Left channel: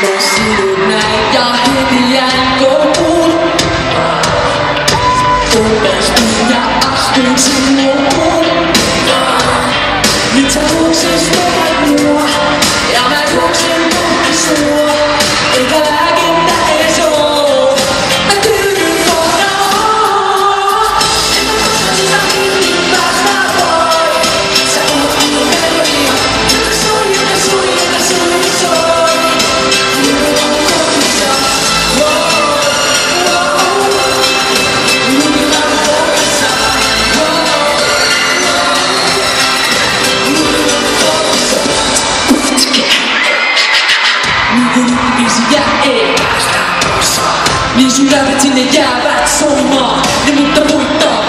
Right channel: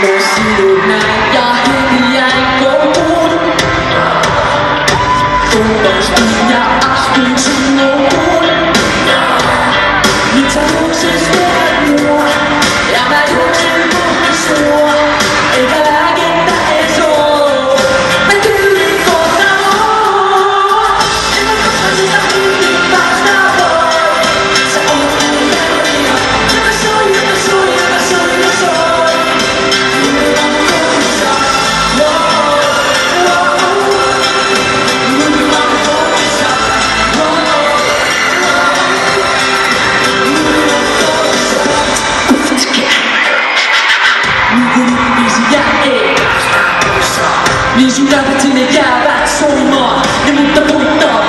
Mä sidun näin ja heti jäin kouluun. Kumpestin ja astuin sun lukuun. Nyt sä juoksestelet mua ja mä juoksen kohti sua. Eikä lääkettä edes oo. Mä tyydyn kohta oo. En mä koskaan sitä kiinni päästä voi. Sä oot mun melodia. Joka soi, joka soi, joka soi, joka soi. Minun on kodissa. Wow, wow. Minun on kodissa. Wow, wow. Minun on kodissa. Niin biisi jää ei päästä poissa. Niin sun täydet sinne jäävät soimaan. Ne mutta muuttaa